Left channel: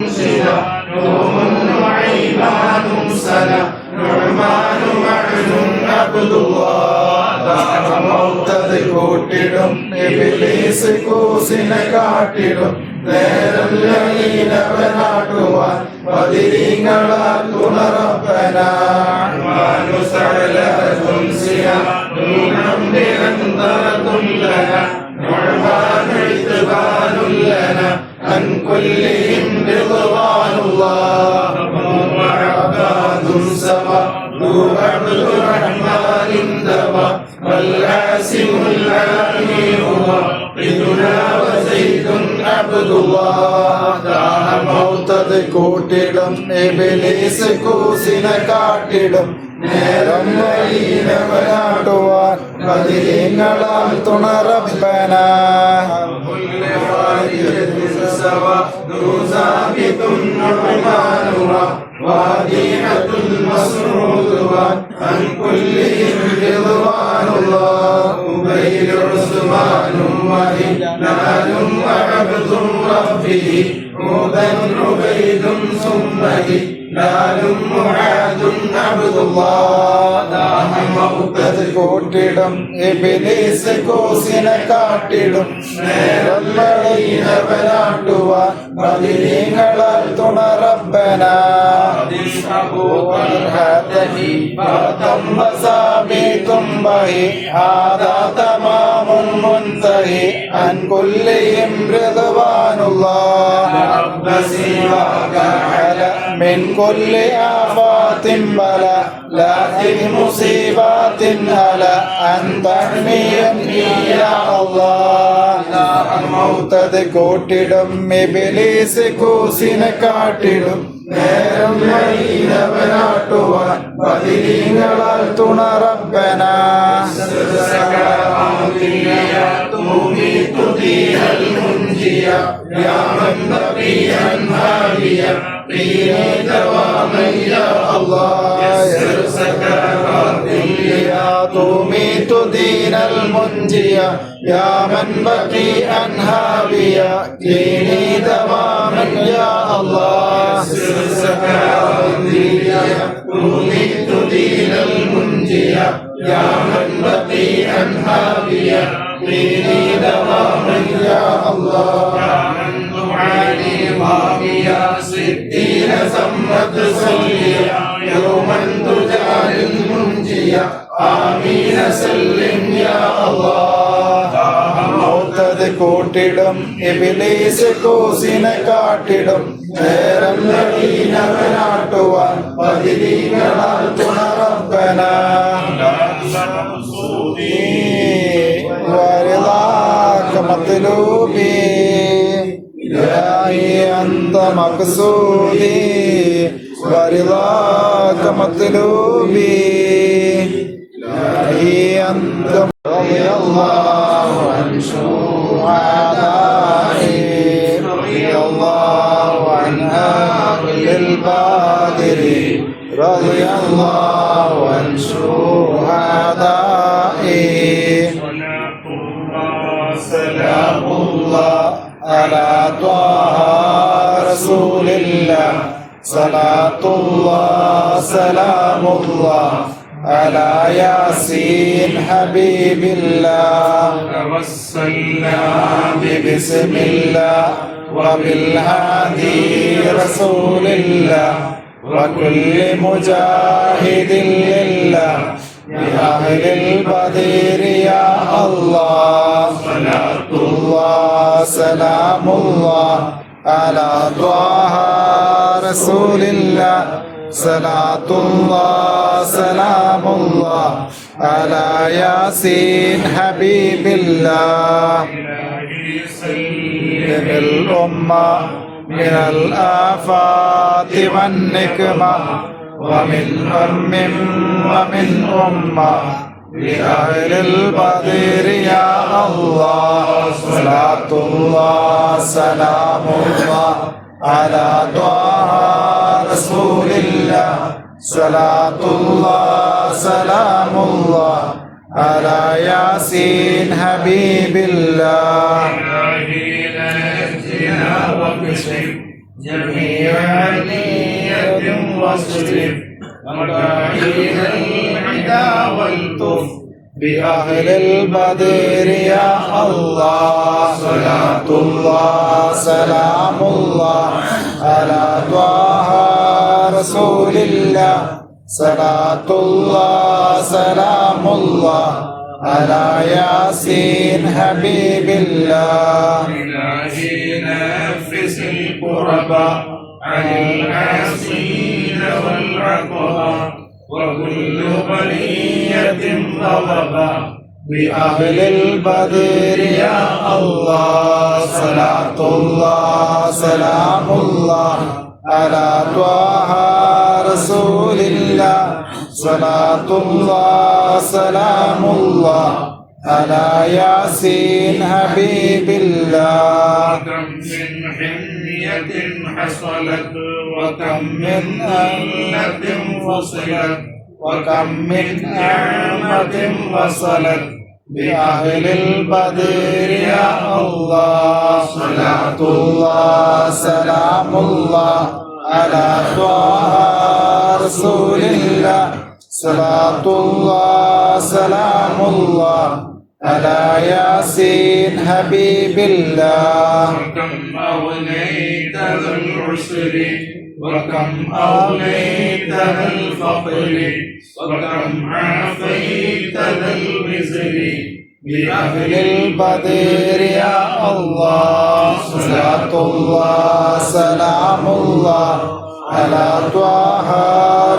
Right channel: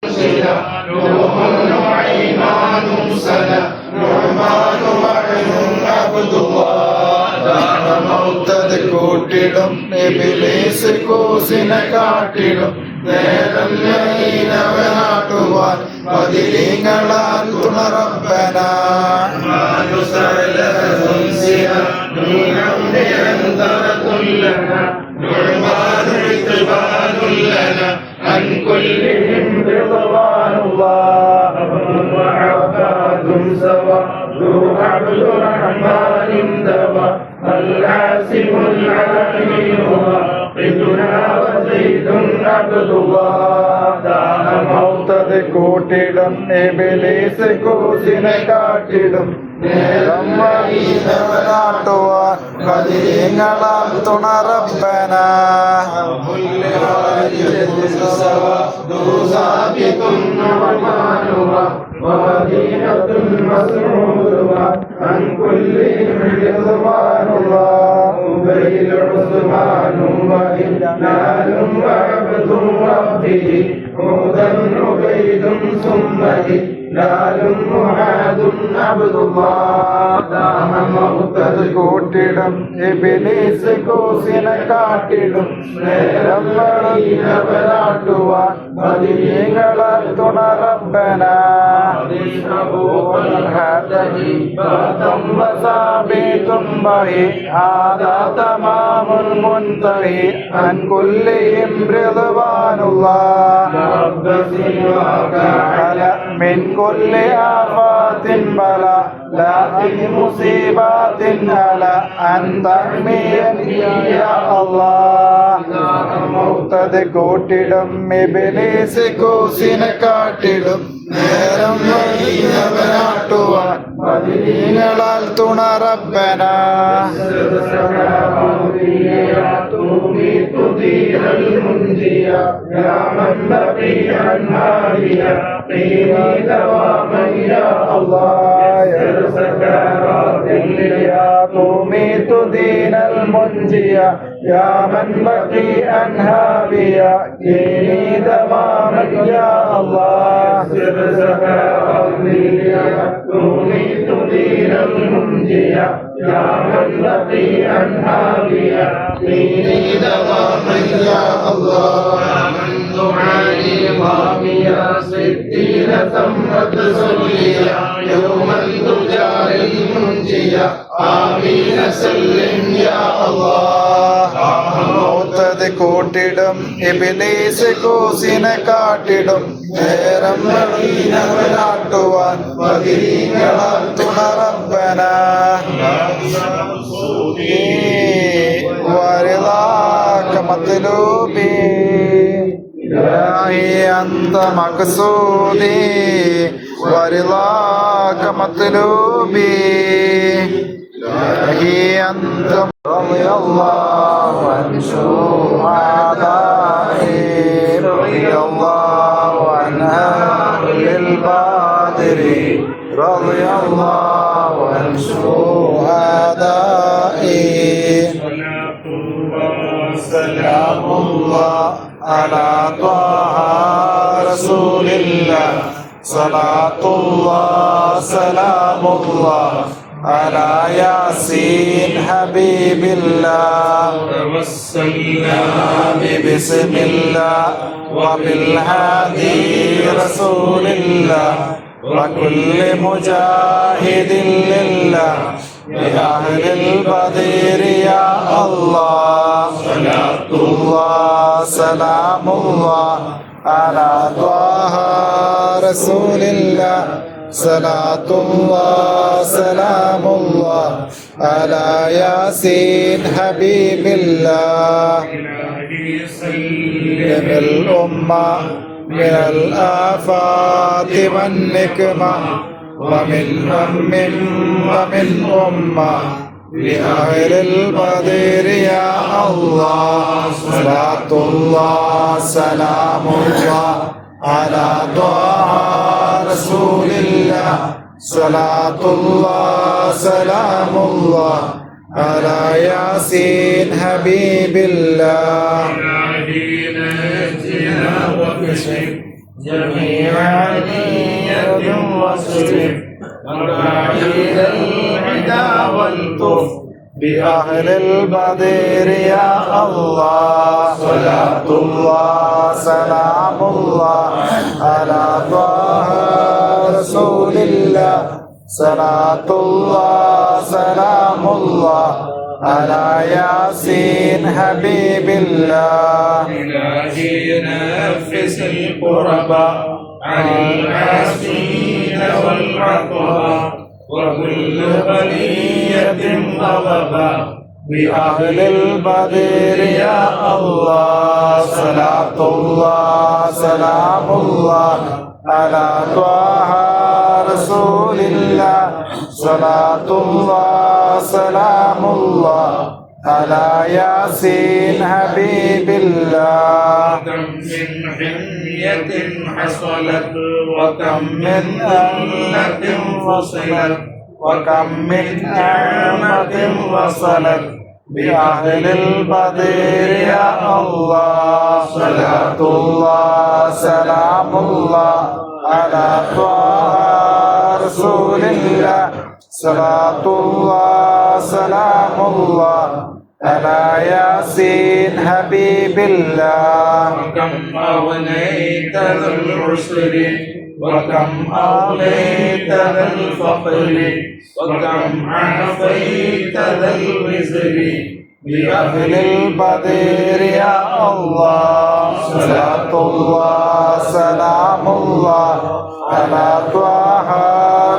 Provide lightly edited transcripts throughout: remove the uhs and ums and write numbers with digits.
نعمان وأيمان سلا نعمان معلوم عبد الله മൗത്തത് കൂട്ടിടും ഇബ്ലീസ് കൂസിനെ കാട്ടിടും നേരം ലീനവനാട്ടുവാൻ പതിരീങ്ങളാൽ തുണറപ്പന عن كلهم رضوان الله وعباد سوا ذو عبد الرحمن دوا العاصم العالمي هو قدنا وزيد عبد الله മൗത്തത് കൂട്ടിടും ഇബ്ലീസ് കൂസിനെ കാട്ടിടും നേരം വഴിയിലവനാട്ടുവാൻ പതിരീങ്ങളാൽ തുണറപ്പന عن كلهم رضوان الله أبي عثمان وهلال وعبد ربه هدى عبيد ثم هلال معاذ عبد الله മൗത്തത് കൂട്ടിടും ഇബ്ലീസ് കൂസിനെ കാട്ടിടും നേരം വഴിയിലവനാട്ടുവാൻ പതിരീങ്ങളാൽ തുണറപ്പന ثم به هذا تمام منتهي عن كلهم رضوان الله رب سواك على من كل آفات بلا لا مصيبات على أن تحميا يا الله മൗത്തത് കൂട്ടിടും ഇബ്ലീസ് കൂസിനെ കാട്ടിടും നേരം വഴിയിലവനാട്ടുവാൻ പതിരീങ്ങളാൽ തുണറപ്പന تميت دين المنجية يا من بقي عنها بيا ديني دواما يا الله تميت دين المنجية يا من بقي عنها بيا ديني دواما يا الله يا من دعاني ضاميا ستين ثمت صليا يوما تجعل المنجية آمين سلم يا الله മൗത്തത് കൂട്ടിടും ഇബ്ലീസ് കൂസിനെ കാട്ടിടും നേരം വഴിയിലവനാട്ടുവാൻ പതിരീങ്ങളാൽ തുണറപ്പന ورضاك مطلوبي إلهي أنت مقصودي ورضاك مطلوبي إلهي أنت رضي الله عن شهدائي رضي الله عن أهل البدر رضي الله عن شهدائي سلام الله على طه رسول الله صلاة الله سلام الله على ياسين حبيب الله توسلنا بسم الله وبالهادي رسول الله وكل مجاهد لله بأهل البدر يا الله صلاة الله سلام الله على طه رسول الله صلاة الله سلام الله على ياسين حبيب الله سلم الأمة من الآفات والنكمة ومن ومن أمة لأهل البدر يا الله صلاة الله سلام الله على طه رسول الله صلاة الله سلام الله على ياسين حبيب الله جميع نية واصرف مكائد العدا والطف بأهل البدر يا الله صلاة الله سلام الله على طه رسول الله صلاة الله سلام الله على ياسين حبيب الله إلهي نفس القربى عن العاصين والعقبى وكل بلية طلبا بأهل البدر يا الله صلاة الله سلام الله على طه رسول الله صلاة الله سلام الله على ياسين حبيب الله وكم من حمية حصلت وكم من أمة فصلت وكم من نعمة وصلت بأهل البدر يا الله صلاة الله سلام الله على طه رسول الله صلاة الله سلام الله على ياسين حبيب الله وكم أغنيت ذا العسر وكم أغنيت ذا الفقر وكم عافيت ذا الوزر بأهل البدر يا الله صلاة الله سلام الله على طه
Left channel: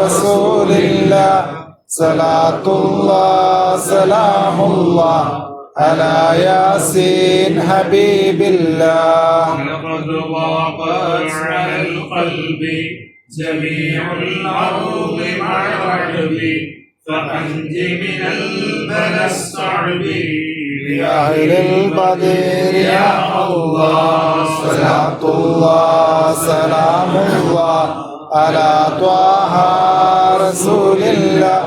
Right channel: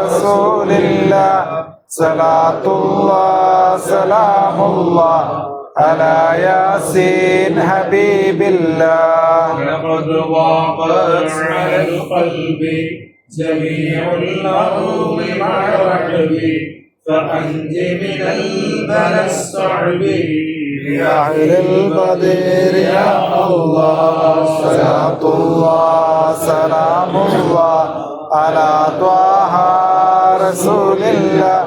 رسول الله صلاة الله سلام الله على ياسين حبيب الله لقد ضاقت على القلب جميع الأرض مع الرعب فأنت من البلى الصعب بأهل البدر يا الله صلاة الله سلام الله على طه رسول الله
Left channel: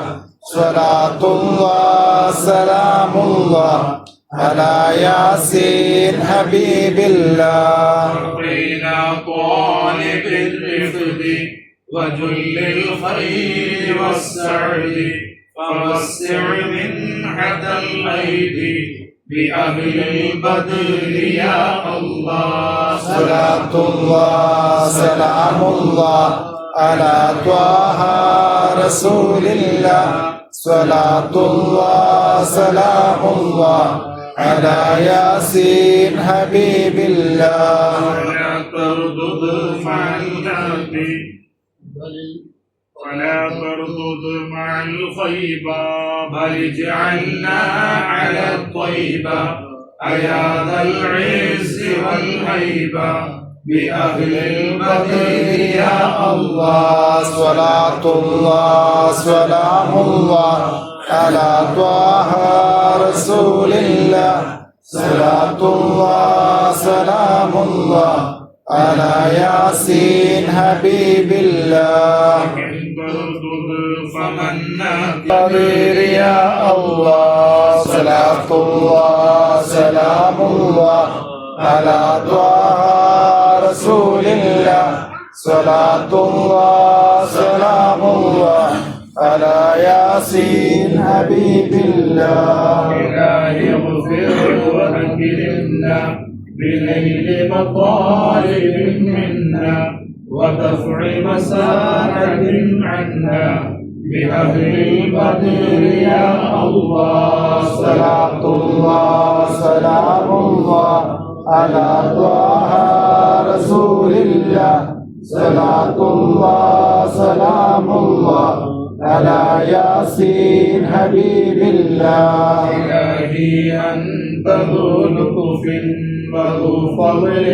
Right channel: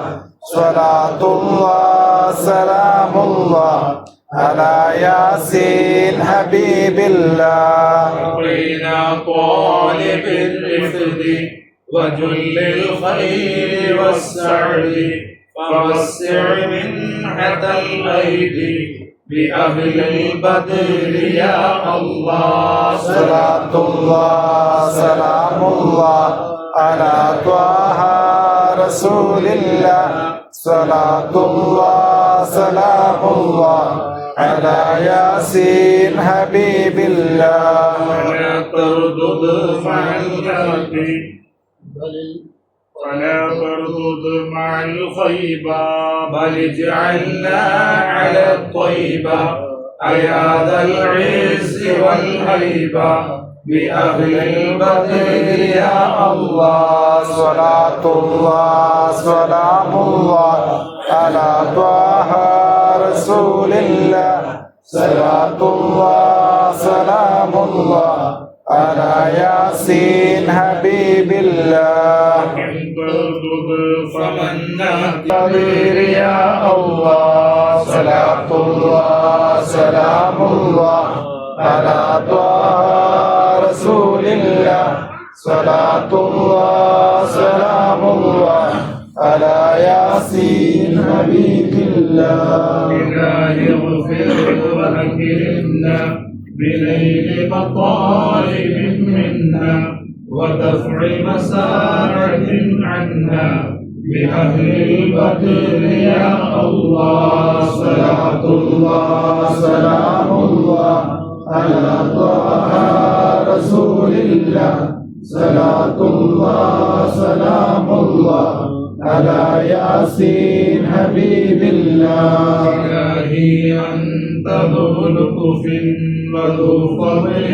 صلاة الله سلام الله على ياسين حبيب الله بين طالب الرفد وجل الخير والسعد فوسع منحة الغيب بأهل البدر يا الله صلاة الله سلام الله على طه رسول الله صلاة الله سلام الله على ياسين حبيب الله ولا تردد مع الكهف ولا تردد مع الخيبة بل اجعلنا على الطيبة أيا ذا العز والهيبة بأهل البدر يا الله صلاة الله سلام الله على طه رسول الله صلاة الله سلام الله على ياسين حبيب الله البدر يا الله صلاة الله سلام الله على طه رسول الله صلاة الله سلام الله على ياسين حبيب الله إلهي اغفر وأكرمنا بليل مطالب منا ودفع مساعد عنا بأهل البدر يا الله صلاة الله سلام الله على طه رسول الله صلاة الله سلام الله على ياسين حبيب الله إلهي أنت ذو لطف وذو فضل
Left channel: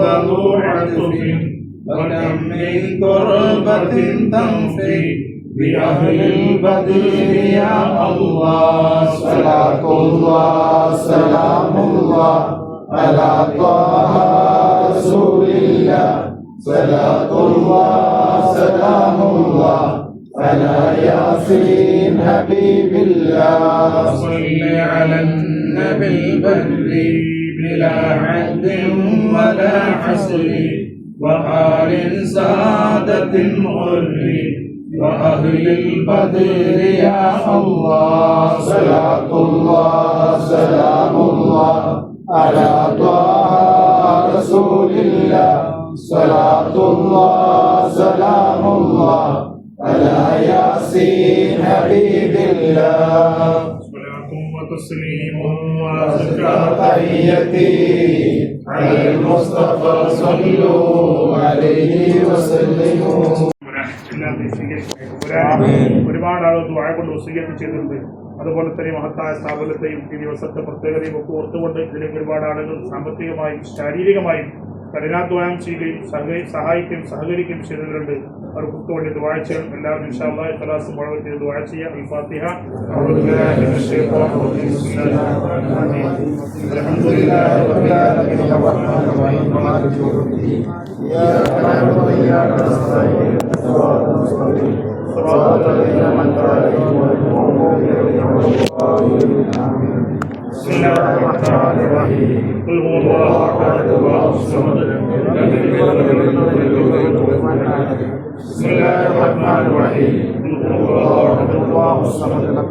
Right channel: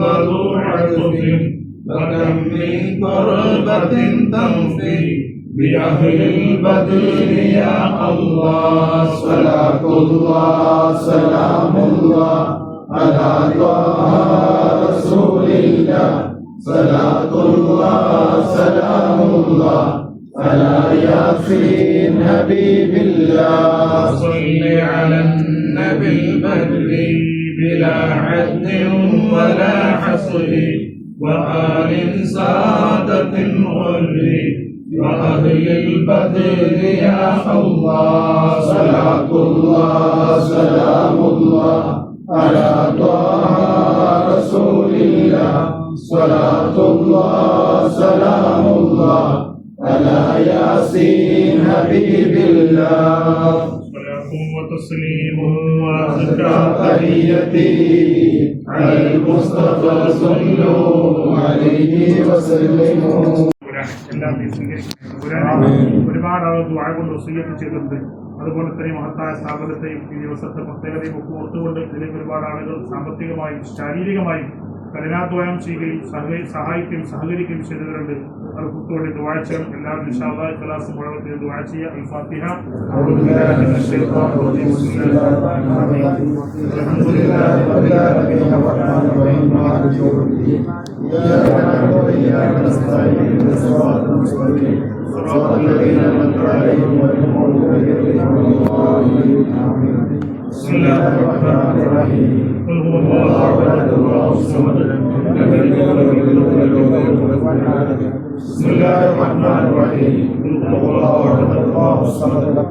وذو عطف وكم من كربة تنفي بأهل البدر يا الله صلاة الله سلام الله على طه رسول الله صلاة الله سلام الله على ياسين حبيب الله صل على النبي البدر بلا عد ولا حصر وآل سادة الغر وأهل البدر يا الله. صلاة الله سلام الله على طه رسول الله. صلاة الله سلام الله على ياسين حبيب الله. صلاة وتسليم وأزكى تحيتي على المصطفى صلوا عليه وسلموا. ഒരുപാട് ആളുകൾ ദുആ കൊണ്ട് വസിയ്യത്ത് ചെയ്തിട്ടുണ്ട്. അതുപോലെ തന്നെ മഹത്തായ സ്ഥാപനത്തെയും ഈ ദിവസത്തെ പ്രത്യേകതയും ഒക്കെ ഓർത്തുകൊണ്ട് ഇതിലേക്ക് ഒരുപാട് ആളുകൾ സാമ്പത്തികമായും ശാരീരികമായും കഠിനാധ്വാനം ചെയ്യുകയും സഹായിക്കുകയും സഹകരിക്കുകയും ചെയ്തവരുണ്ട്. അവർക്ക് വേണ്ടി ദുആ ചെയ്യണം. എല്ലാവരും ഇൻഷാ അല്ലാഹ് ഇഖ്ലാസ് മുഴുവൻ ചെയ്ത് ദുആ ചെയ്യുക. ഈ ഫാത്തിഹ. അൽഹംദുലില്ലാഹി റബ്ബിൽ ആലമീൻ അർറഹ്മാനിർ റഹീം മാലികി യൗമിദ്ദീൻ ഇയ്യാക നഅ്ബുദു വ ഇയ്യാക നസ്തഈൻ ഇഹ്ദിനസ് സിറാത്തൽ മുസ്തഖീം സിറാത്തൽ ലദീന അൻഅംത അലൈഹിം ഗൈറിൽ മഗ്ദൂബി അലൈഹിം വലദ്ദാലിൻ. ആമീൻ. ബിസ്മില്ലാഹിർ റഹ്മാനിർ റഹീം. ഖുൽ ഹുവല്ലാഹു അഹദ് അല്ലാഹുസ് സമദ് ലം യലിദ് വലം യൂലദ് വലം യകൂൻ ലഹു കുഫുവൻ അഹദ്. ബിസ്മില്ലാഹിർ റഹ്മാനിർ റഹീം. ഖുൽ ഹുവല്ലാഹു അഹദ് അല്ലാഹുസ് സമദ് ലം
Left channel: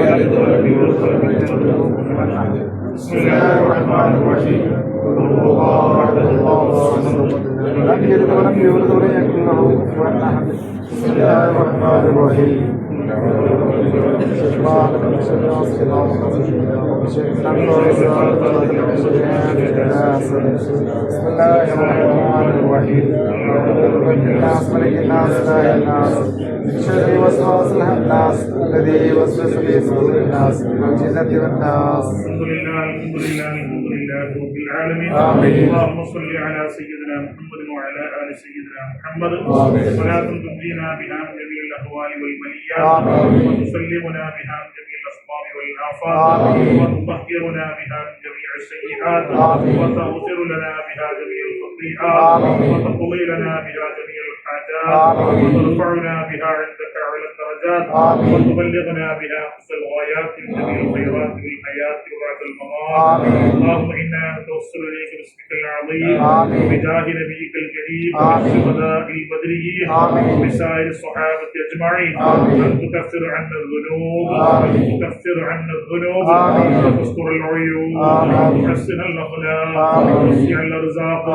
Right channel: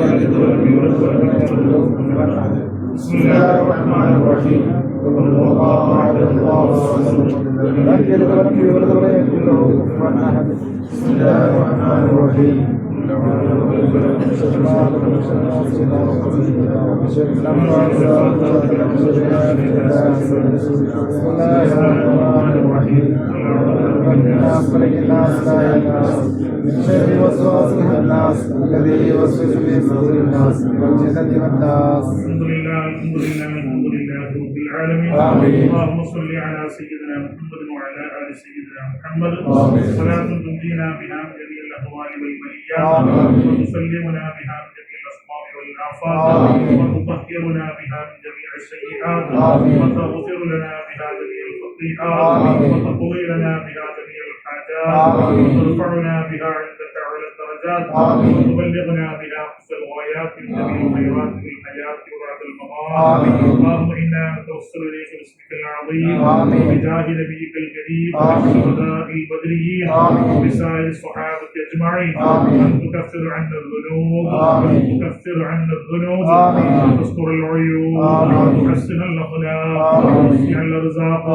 യലിദ് വലം യൂലദ് വലം യകൂൻ ലഹു കുഫുവൻ അഹദ്. ബിസ്മില്ലാഹിർ റഹ്മാനിർ റഹീം. ഖുൽ ഹുവല്ലാഹു അഹദ് അല്ലാഹുസ് സമദ് ലം യലിദ് വലം യൂലദ് വലം യകൂൻ ലഹു കുഫുവൻ അഹദ്. ബിസ്മില്ലാഹിർ റഹ്മാനിർ റഹീം. شر وسواس الناس الذي يوسوس في صدور الناس من الجنة والناس. الحمد لله رب العالمين. اللهم صل على سيدنا محمد وعلى آل سيدنا محمد. صلاة تنجينا بها من جميع الأهوال والبليات وتسلمنا بها من جميع الأسقام والآفات وتطهرنا بها من جميع السيئات وتغفر لنا بها جميع الخطيئات وتقضي لنا بها جميع الحاجات وترفعنا بها عندك على الدرجات وتبلغنا بها أقصى الغايات من جميع الخيرات في الحياة وبعد الممات. اللهم إنا نتوسل إليك باسمك العظيم وبجاه نبيك الكريم وشهداء البدريين وبسائر الصحابة أجمعين أن تكفر عنا الذنوب وتستر العيوب وتحسن الأخلاق وتوسع الأرزاق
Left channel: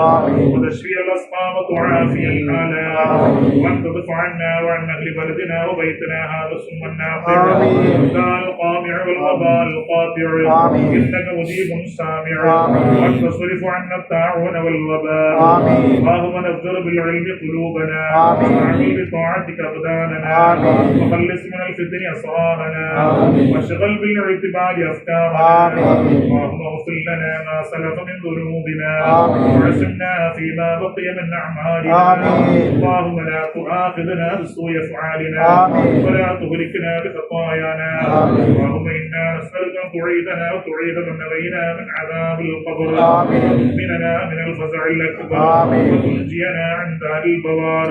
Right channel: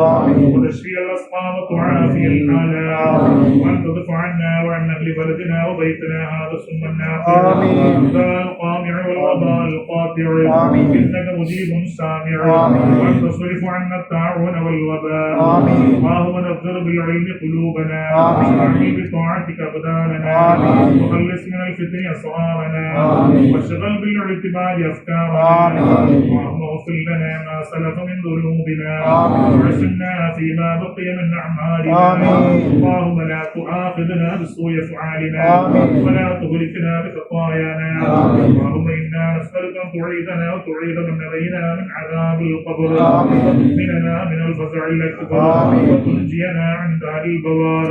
وتشفي الأسقام وتعافي الآلام وأن تدفع عنا وعن أهل بلدنا وبيتنا هذا سم النافع القامع والغباء القاطع إنك مجيب سامع وأن تصرف عنا الطاعون والوباء. اللهم نذر بالعلم قلوبنا واعمل بطاعتك أبداننا وخلص من الفتن أسرارنا واشغل بالاعتبار أفكارنا. اللهم اغفر لنا ما سلف من ذنوبنا وعصمنا فيما بقي من أعمالنا. اللهم لا تؤاخذنا بسوء أفعالنا ولا تهلكنا بخطايانا. اللهم إنا نسألك أن تعيذنا وتعيذ من نبينا من عذاب القبر وتؤمننا من الفزع الأكبر وتنجينا عن دار البوار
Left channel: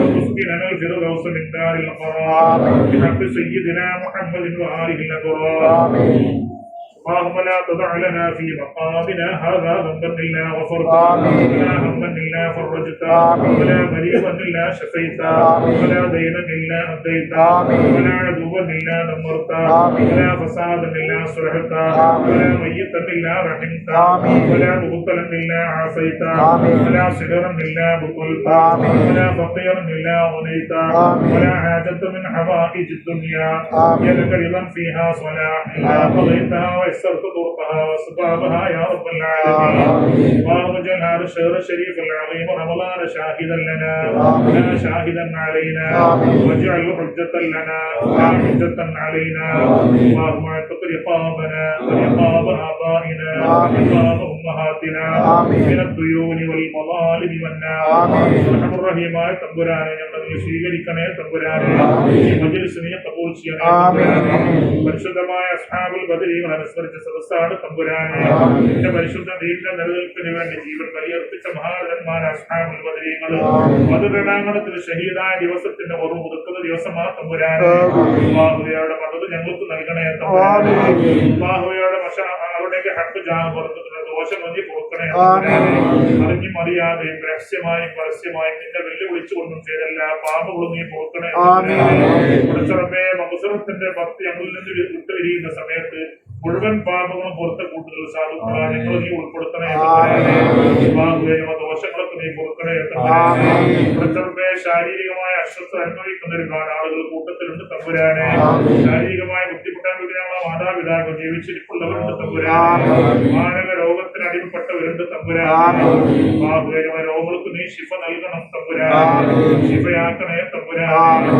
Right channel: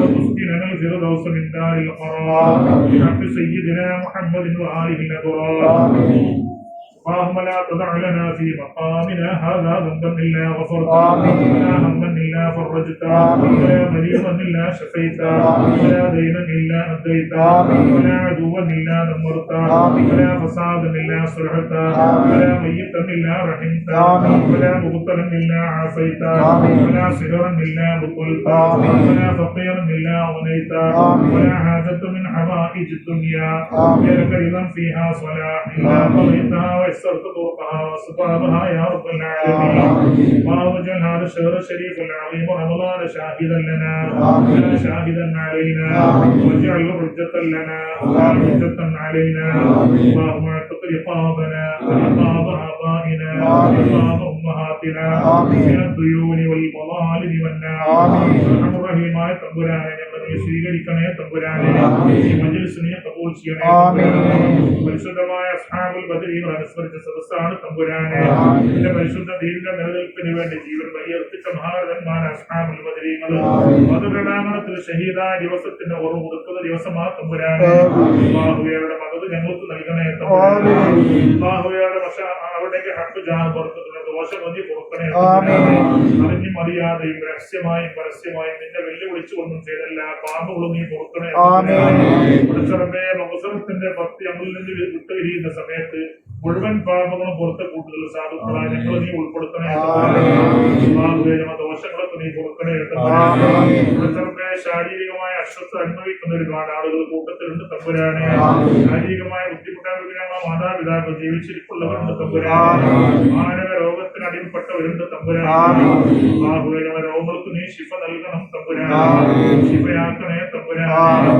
وتسكننا الفردوس من دار القرار بحق سيدنا محمد وآله الأبرار. اللهم لا تدع لنا في مقامنا هذا ذنبا الا غفرته ولا هما الا فرجته ولا مريضا الا شفيته ولا دينا الا هديته ولا عدوا الا دمرته ولا فسادا الا صلحته ولا ميتا الا رحمته ولا مبتلا الا عافيته ولا سحرا الا بطلته ولا فقيرا الا غنيته ولا حاجة من حوائج الدنيا هي لك رضا فيها صلاح الا قضيتها ويسرت طرقها واسبابها يا رب العالمين. اللهم اجعل هذا الشهر الشريف العظيم رمضان شاهدا لنا لا شاهدا علينا واجعله حجة لنا لا حجة علينا. اللهم اعتق رقابنا ورقاب آبائنا ورقاب أمهاتنا من الديون والمظالم والنار. ارحم الرحيമായ തമ്പുരാനെ ഞങ്ങളെ സ്വീകരിക്കണേ തമ്പുരാനെ. ഈ മജ്‌ലിസിനെ കബൂൽ ചെയ്യണേ. പരിശുദ്ധമായ അസ്ഹാബുൽ ബദരീകൾ അനുസ്മരിച്ച സദസ്സാണ് തമ്പുരാനെ. നിന്റെ പരിശുദ്ധ ദീനിന്റെ നിലനിൽപ്പിന് വേണ്ടി ജീവൻ ബലിയർപ്പിച്ച മഹാരഥന്മാരായ അസ്ഹാബുൽ ബദരീകൾ മദദരണാങ്കണത്തിൽ ഷഹീദായ ദിവസത്തിന്റെ ഓർമ്മ പുതുക്കുന്ന ദിവസമാണ് തമ്പുരാനെ. അല്ലാഹുവയുടെ മദദ് ഞങ്ങൾക്ക് നൽകണേ തമ്പുരാനെ. അല്ലാഹുവയുടെ അവിടേക്ക് ഹഖ് ജാഹ് ദോഷങ്ങൾ നീ പൊറുക്കണേ. ആമീൻ. അറിഞ്ഞും അറിയാതെയും രഹസ്യമായും പരസ്യമായും നിന്നെ വെല്ലുവിളിച്ചുകൊണ്ടും ചെയ്തല്ല പാപങ്ങളും നീ പൊറുക്കണേ. പഠിച്ചറബേ മകുസറത്തിന്റെ ഭക്തി അമിൽ നിന്ന് വിട്ടുപിരിയുന്ന സമയത്ത് മുഴുവൻ പാപങ്ങളും പുറത്തെ കൂടുതൽ സാധുക്കളായി ഞങ്ങൾ നീ ഉൾപ്പെടുത്തണേ. ദോഷങ്ങളൊക്കെ നീ പൊറുക്കണേ. പഠിച്ചറബേ ശാരീരികമായ അസ്വസ്ഥ അനുഭവിക്കുന്ന ഒരുപാട് ആളുകൾ കൂട്ടത്തിലുണ്ട് തമ്പുരാനെ. ശാരീരികമായ ബുദ്ധിമുട്ടാനുള്ള മാതാപിതാക്കൾ ജീവിച്ചിരിപ്പുള്ളവരുണ്ട് തമ്പുരാനെ. മാരക രോഗത്തിന് അടിമപ്പെട്ടവരുണ്ട് തമ്പുരാനെ. രോഗങ്ങൾക്ക് നീ ശിഫ നൽകണം തമ്പുരാനെ. ശിഫയാക്കണേ തമ്പുരാനെ.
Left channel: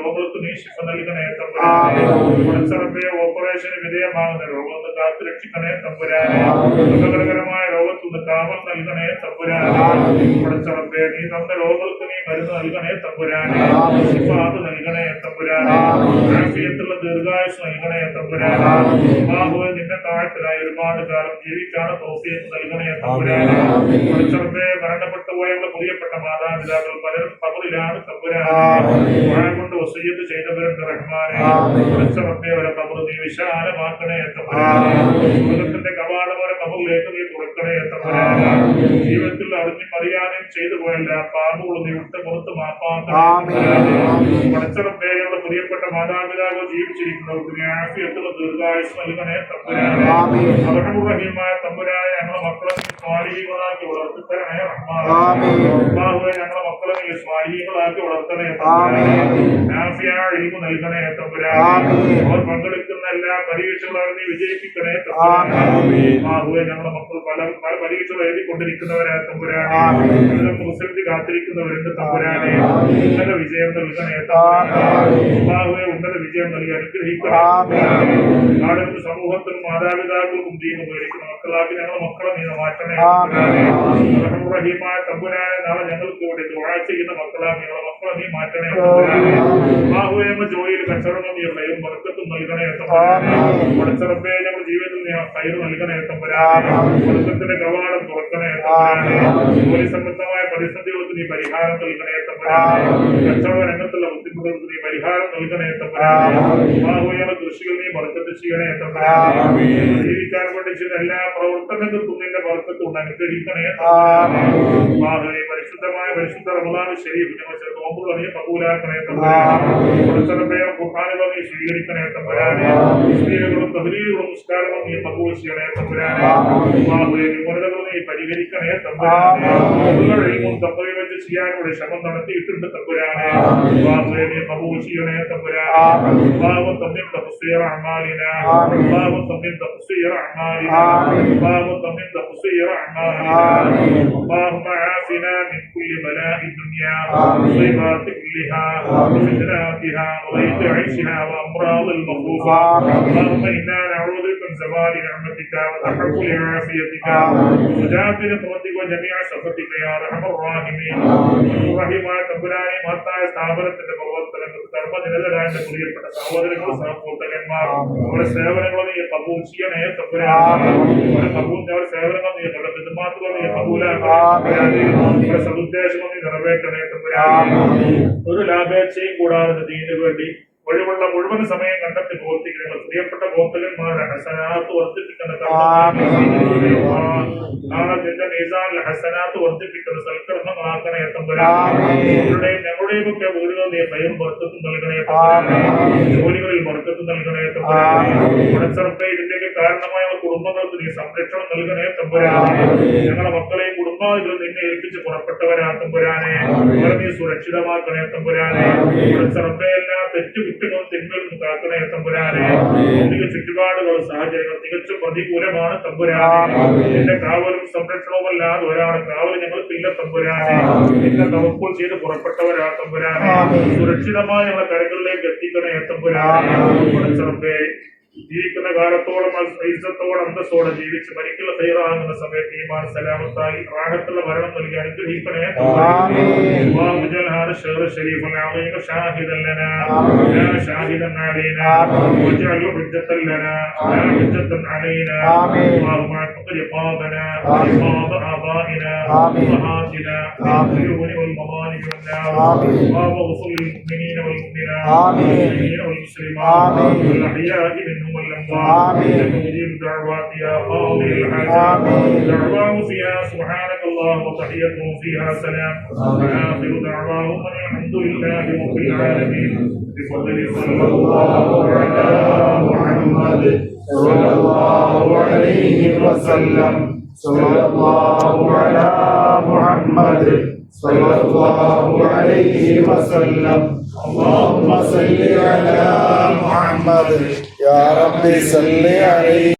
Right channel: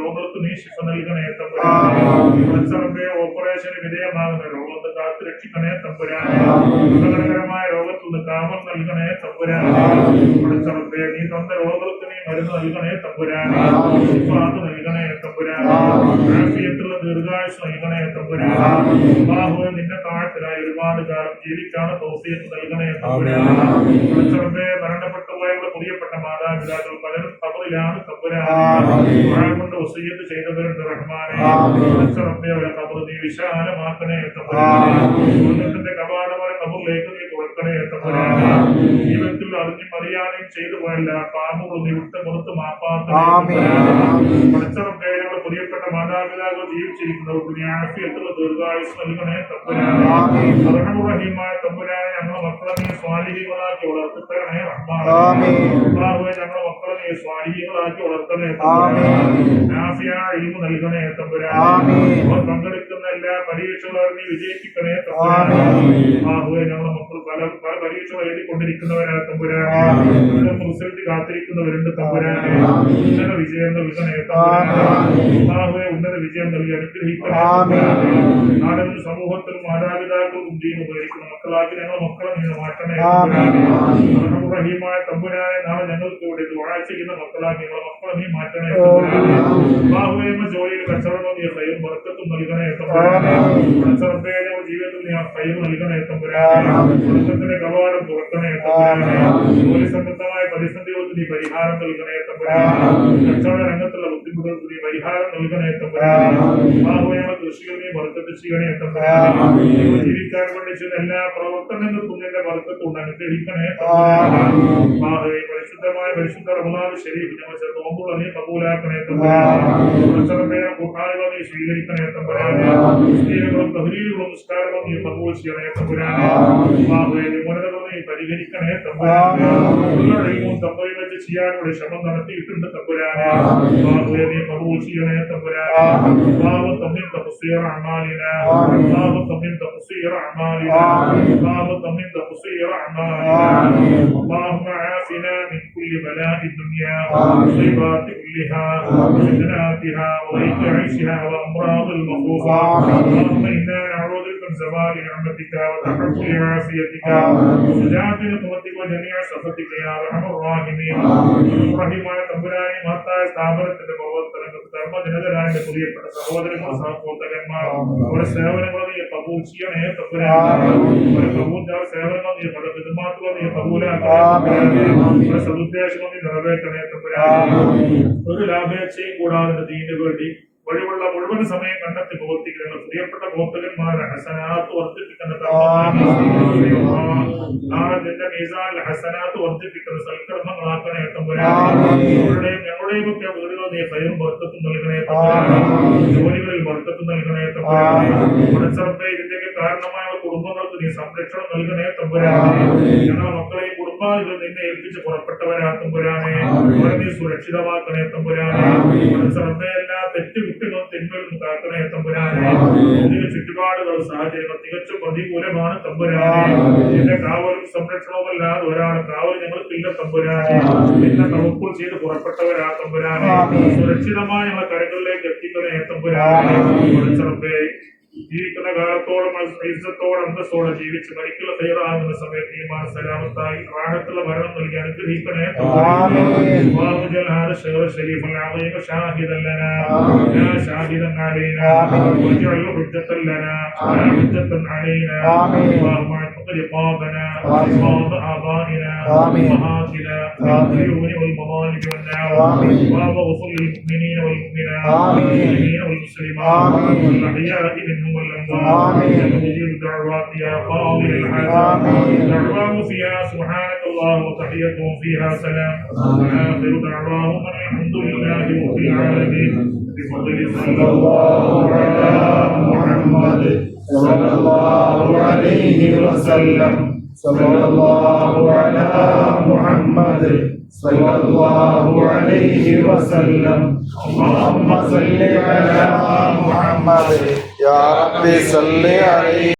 രോഗങ്ങൾക്ക് നീ ശിഫ നൽകണേ തമ്പുരാനെ. ഓപ്പറേഷന് വിധേയമാകുന്ന രോഗത്ത് കാത്തു രക്ഷിക്കണേ തമ്പുരാനെ. അപകടകരമായ രോഗത്തുനിന്ന് കാമം നൽകണേ തമ്പുരാനെ. പഠിച്ചറബേ നീ തന്ന രോഗങ്ങൾക്ക് നീ മരുന്ന് നൽകണേ തമ്പുരാനെ. ശിഫാത്ത് നൽകണേ തമ്പുരാനെ. ആഫിയത്തുള്ള ദീർഘായുസ് നൽകണേ തമ്പുരാനെ. ബാഹുവിൽ നിന്റെ താഴത്തിലായി ഒരുപാട് കാലം ജീവിക്കാണ് തൗഫീഖ് നൽകണേ തമ്പുരാനെ. പഠിച്ചറബേ മരണപ്പെട്ടു പോയുള്ള പ്രിയപ്പെട്ട മാതാപിതാക്കൾ പലരും ഖബറിലാണ് തമ്പുരാനെ. കൊണ്ട് വസിയ്യത്ത് ചെയ്തവരുണ്ട് റഹ്മാനെ. പഠിച്ചറബേ അവരെ ഖബർ നീ വിശാലമാക്കണേ തമ്പുരാനെ. സ്വർഗ്ഗത്തിന്റെ കവാടവരെ ഖബറിലേക്ക് നീ തുറക്കണേ തമ്പുരാനെ. ജീവിതത്തിൽ അറിഞ്ഞും അറിയാനും ചെയ്തു പോയല്ല പാപങ്ങളും നീ വിട്ട് പുറത്ത് മാപ്പാക്കണേ. പഠിച്ചറബേ അവരുടെ പ്രിയപ്പെട്ട മാതാപിതാക്കൾ ജീവിച്ചിരിക്കുന്നവർക്ക് നീ ആഫിയത്തുള്ള ദീർഘായുസ് നൽകണേ തമ്പുരാനെ. റഹീമായ തമ്പുരാനെ ഞങ്ങളുടെ മക്കളെ നീ സ്വാലിഹീകളാക്കി വളർത്തി തരണേ റഹ്മാനെ. ഞങ്ങളുടെ മക്കളെ നീ സ്വാലിഹീകളാക്കി വളർത്തണേ തമ്പുരാനെ. ആഫിയായ ഇൽമു നൽകണേ തമ്പുരാനെ. അവർ പങ്കെടുക്കുന്ന എല്ലാ പരീക്ഷകളും നീ വിജയിപ്പിക്കണേ തമ്പുരാനെ. ഞങ്ങളുടെ മക്കൾ പല പല പരീക്ഷകൾ എഴുതിക്കൊണ്ടിരിക്കുന്നവരാ തമ്പുരാനെ. മുസ്ലിം കാത്തിരിക്കുന്നവരുണ്ട് തമ്പുരാനെ. ഉന്നത വിജയം നൽകണേ തമ്പുരാനെ. ഉന്നത വിജയം നൽകി അനുഗ്രഹിക്കണേ. നാടിനും സമൂഹത്തിനും മാതാപിതാക്കൾക്കും ദീനം ഉപയോഗിക്കുന്ന മക്കളാക്കി ഞങ്ങളുടെ മക്കളെ നീ മാറ്റണേ. റഹീമായ തമ്പുരാനെ നാളെ ഞങ്ങൾക്ക് ഇവിടെ ദുആ ചെയ്യുന്ന മക്കളാക്കി ഞങ്ങളുടെ മക്കളെ നീ മാറ്റണേ. എന്ന ജോലിയിൽ കച്ചവടം നീ ഹൈറും ബർക്കത്തും നൽകണേ തമ്പുരാനെ. പഠിച്ചറബേ ഞങ്ങളുടെ ജീവിതത്തിൽ നീ ഹൈറ് നൽകണേ തമ്പുരാനെ. ബർക്കത്തിന്റെ കവാടം തുറക്കണേ തമ്പുരാനെ. ജോലി സംബന്ധമായ പരിസ്ഥിതികൾക്ക് നീ പരിഹാരം നൽകണേ തമ്പുരാനെ. കച്ചവട രംഗത്തുള്ള ബുദ്ധിമുട്ടുകൾക്ക് നീ പരിഹാരം നൽകണേ തമ്പുരാനെ. കൃഷികൾ നീ ബർക്കത്ത് ചെയ്യണേ തമ്പുരാനെ. ജീവിക്കാൻ വേണ്ടി ചെയ്യുന്ന എല്ലാ പ്രവർത്തനങ്ങൾക്കും നിന്റെ ബർക്കത്തുണ്ട് അനുഗ്രഹിക്കണേ തമ്പുരാനെ. പരിശുദ്ധമായ പരിശുദ്ധ റമദാൻ ശരീഫ് ഞങ്ങൾ നോമ്പുകൾ നീ കബൂലാക്കണേ തമ്പുരാനെ. ഖുർആനുകൾ നീ സ്വീകരിക്കണേ തമ്പുരാനെ. സ്ത്രീകളും തഹ്ലീലുകളും നിസ്കാരങ്ങളും നീ കബൂൽ ചെയ്യണേ തമ്പുരാനെ. മുരളുകൾ നീ പരിഹരിക്കണേ തമ്പുരാനെ. എല്ലാ ഇൽമും തഖ്വയിൽ വെച്ച് ചെയ്യാനുള്ള ശ്രമം നടത്തിയിട്ടുണ്ട് തമ്പുരാനെ. നീ കബൂൽ ചെയ്യണേ തമ്പുരാനെ. ബാബു തമ്മിൽ തഫ്സീർ അഅ്മാലിനാ. ബാബു തമ്മിൽ തഫ്സീർ അഅ്മാലിനാ. ബാബു തമ്മിൽ തഫ്സീർ അഅ്മാലിനാ. اللهم عافنا من كل بلاء الدنيا ومصيبات كلها وفتناتها وضيق عيشها وامراض المخوفة. اللهم انا نعوذ بك من زوال نعمتك وتحول عافيتك وسجاد نقمتك وجميع سخطك يا ارحم الراحمين. റഹീമായ തമ്പുരാനെ മഹത്തായ സ്ഥാപനത്തിന്റെ പ്രവർത്തനങ്ങൾക്ക് ധർമ്മജനതരായ പ്രിയപ്പെട്ട സഹോദരങ്ങൾ സഹപ്രവർത്തകന്മാർ അവരുടെ സേവനങ്ങൾ നീ കബൂൽ ചെയ്യണേ തമ്പുരാനെ. അവരുടെ കബൂൽ സേവനങ്ങൾ നീ അവരുടെ ഹിദ്മത്തുകൾ നീ കബൂലാക്കണേ. അവരുടെ സദുദ്ദേശങ്ങൾ നീ നിറവേറ്റണേ തമ്പുരാനെ. ഒരു ലാഭേച്ഛയും കൂടാതെ ദീനിനു വേണ്ടി വഴിവുള്ള മുഴുവൻ സമയം കണ്ടെത്തി പ്രവർത്തിക്കുന്ന പ്രിയപ്പെട്ട പ്രവർത്തകന്മാരുടെ ഹസനാത്ത് വർദ്ധിപ്പിക്കുന്ന നാളെ നിന്റെ മീസാനിൽ ഹസനാത്ത് വർദ്ധിപ്പിക്കുന്ന സൽക്കർമ്മങ്ങളാക്കണേ തമ്പുരാനെ. ഞങ്ങളുടെയും ഒക്കെ വീടുകൾ നീ ഹൈറും ബർക്കത്തും നൽകണേ തമ്പുരാനെ. ജോലികളിൽ ബർക്കത്തും നൽകണേ തമ്പുരാനെ. പഠിച്ചറബേ ഇതിന്റെയൊക്കെ കാരണമായ കുടുംബങ്ങൾക്ക് നീ സംരക്ഷണം നൽകണേ തമ്പുരാനെ. ഞങ്ങളുടെ മക്കളെയും കുടുംബാദികൾ നിന്നെ ഏൽപ്പിച്ച് പുറപ്പെട്ടവരാ തമ്പുരാനെ. അവരെ നീ സുരക്ഷിതമാക്കണേ തമ്പുരാനെ. പഠിച്ചറബേ എല്ലാ തെറ്റുകുറ്റങ്ങളും തിന്മകളും കാക്കണേ തമ്പുരാനെ. ചുറ്റുപാടുകൾ സാഹചര്യങ്ങൾ തികച്ചും പ്രതികൂലമാണ് തമ്പുരാനെ. നിന്റെ കാവലും സംരക്ഷണവുമല്ലാതെ ഒരാളെ കാവൽ ഞങ്ങൾക്കില്ല തമ്പുരാനെ. നിന്നെ തവക്കുൽ ചെയ്ത് പുറപ്പെട്ടവരാ തമ്പുരാനെ. സുരക്ഷിതമായ ഞങ്ങളുടെ കരകളിലേക്ക് എത്തിക്കണേ തമ്പുരാനെ. പഠിച്ചറബേ ജീവിക്കുന്ന കാലത്തോളം ഇസ്സത്തോടെ അന്തസ്സോടെ ജീവിച്ച് മരിക്കൽ തയ്യാറാകുന്ന സമയത്ത് ഈമാൻ സലാമത്തായി റാഹത്തുള്ള മരണം നൽകി അനുഗ്രഹിക്കണേ. الشريف العظيم شاهدا لنا لا شاهدا علينا واجعله حجة لنا لا حجة علينا. اللهم رقابنا ورقاب آبائنا وأمهاتنا من العيون والمظالم والنار اللهم اغفر للمؤمنين والمؤمنات والمسلمين والمسلمات الأحياء منهم والأموات إنك مجيب الدعوات يا قاضي الحاجات دعواهم فيها سبحانك الله وتحيتهم فيها سلام وآخر دعواهم الحمد لله رب العالمين بفضل صلى الله على محمد صلى الله عليه وسلم صلى الله على محمد صلى الله عليه وسلم اللهم صل على محمد يا رب صل عليه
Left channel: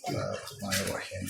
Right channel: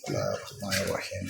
Bismillahirrahmanirrahim.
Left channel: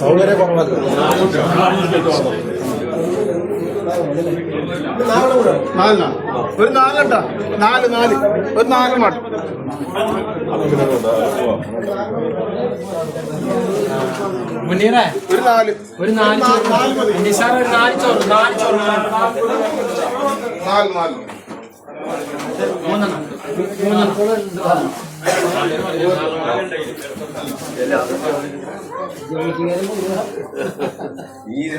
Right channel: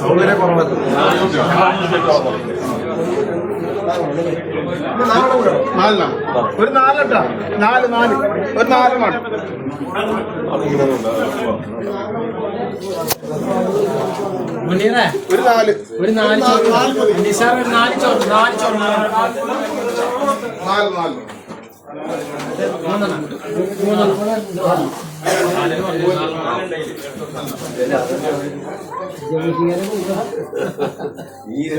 സൗകര്യ കുറവല്ല. ഒരു നാലട്ടാ, നാല് ഒരു 4 മണം. ഒരു 4 ഈ